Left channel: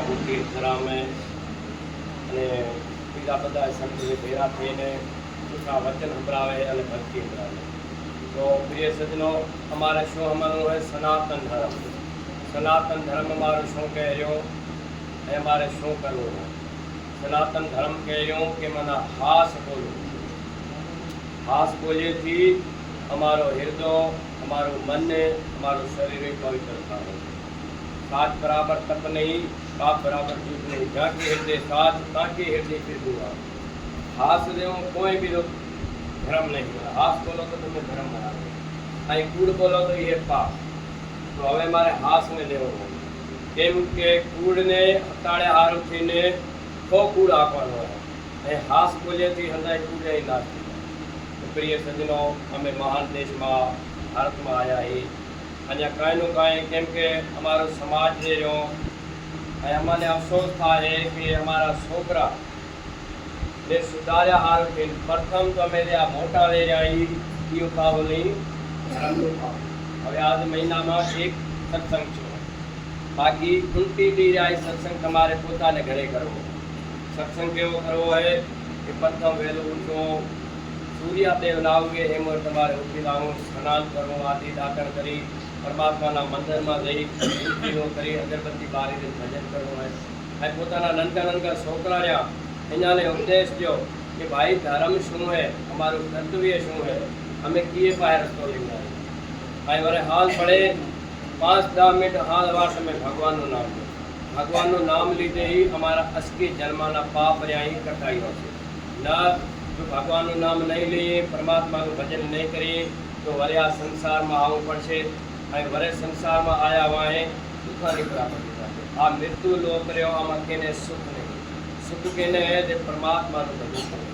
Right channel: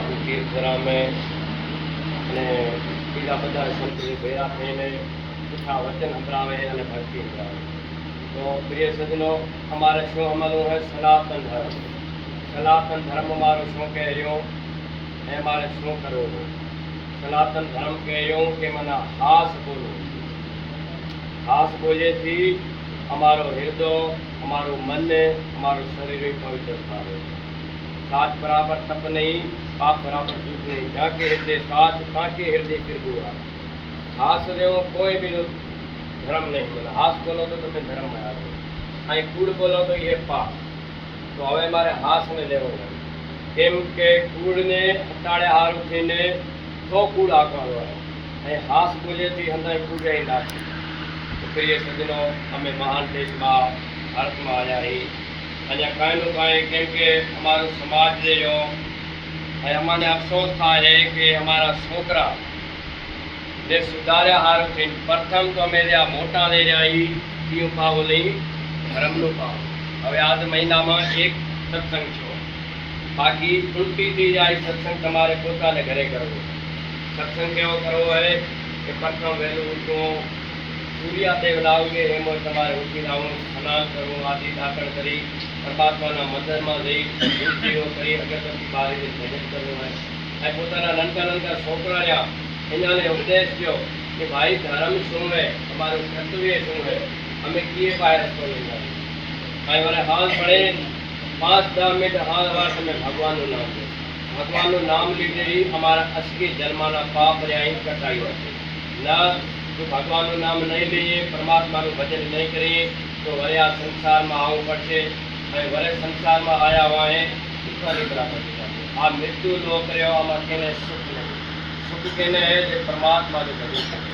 આબુ તીર્થરામે અને બીજા બધા સંતોએ ભેગા થઈને જૂઠા વચન સંભળાવે અને ભક્તિ કરાવે. તો પ્રિય સજ્જનો, અમારે શું અમલનું હોય? સનાતન ધર્મ. સનાતન ધર્મ અમારો શું કહે રહ્યો એ અમારે શું કરવું? સનાતન ધર્મ કહે રહ્યો કે મને હાસ બોલવું. હાસ બોલીએથી અમારો હૃદય, અમારું મન, અમારું શરીર પવિત્ર થાય. साच बराबर तप नहीं, पाप बराबर झूठ नहीं. जाके हृदय साच, ताकि हृदय फिर हुआ. हास रहे कोई भी लोग धर्म नहीं बोला. हास बोलो तो तुम्हें धर्म में आ गए. અહીં કૂડ બોલો તો એ પાપ. તો હવે મારે હાસ ને લેવો હોય. કેમ કે કૂડને હટાડે હારું થઈને તો કૂડ આપવાનો હોય. એ હાસ બોલેથી હંધાઈ કૂડ રહી નાખી. તો પ્રિય સજ્જનો, અમે મહાન દેશમાં ભારતમાં આવ્યા છીએ. અહીંયા કાંઈનું કાંઈ, કેમ કે અમારો સમાજ જે રહ્યો એ અમને અફસોસ થાય કે અમારા છોકરા જે સુધાર્યા હારું થઈને પ્રથમ તો અમે જે આ મોટા લઈ રહ્યા એ પાવો નહીં, ધર્મનું પાવો. હવે આજ મહિનામાં એક સત્સંગ છે, બાકી તૂટીથી જાય સત્સંગ તમારે પોતાને ઘરે કરવો. સત્સંગ કેવો કરવો હોય કે પ્રથમ વહેલું ઉઠવું, સૂર્યાદેવ લાવગે એમ તમારે ઉઠી લાવવું, સ્નાન કરવું, આદિ દાખલ કરી પરમાત્માના મંદિરમાં જઈ ધૂપદીવો કરી અગરબત્તી બારીને ભજન કરવું હોય. અને પોતાના નાનકા નાનકા છોકરા રહ્યા એનાને ઉપદેશ થયો કે ભાઈ ધર્મ શું હોય, અમારું કર્તવ્ય શું હોય, અમે કીએ પાસે રસ્તો લઈ જાય. ભાઈ મારે હાલ પડે 5-10 મિનિટ હાલ વાર તમે ભગવાનનું નામ લો. ભગવાનનું નામ લીધે અમારા અસકી જન્માના પાપ રહ્યા કટાયું હશે. ના જો ભગવાનનું નામ નહીં લઈએ, પરમાત્માનું ભજન નહીં કરીએ તો વરે આ સંસારમાં આવવું પડશે. હવે વરે સંસારમાં આવ્યા વાહે દુઃખા નીકળા પડી જાય. આ મૃત્યુ લોક રહ્યો, આમાં કેને સુખ નહીં. સુખ કેને હે જે પરમાત્માનું ભજન કરે.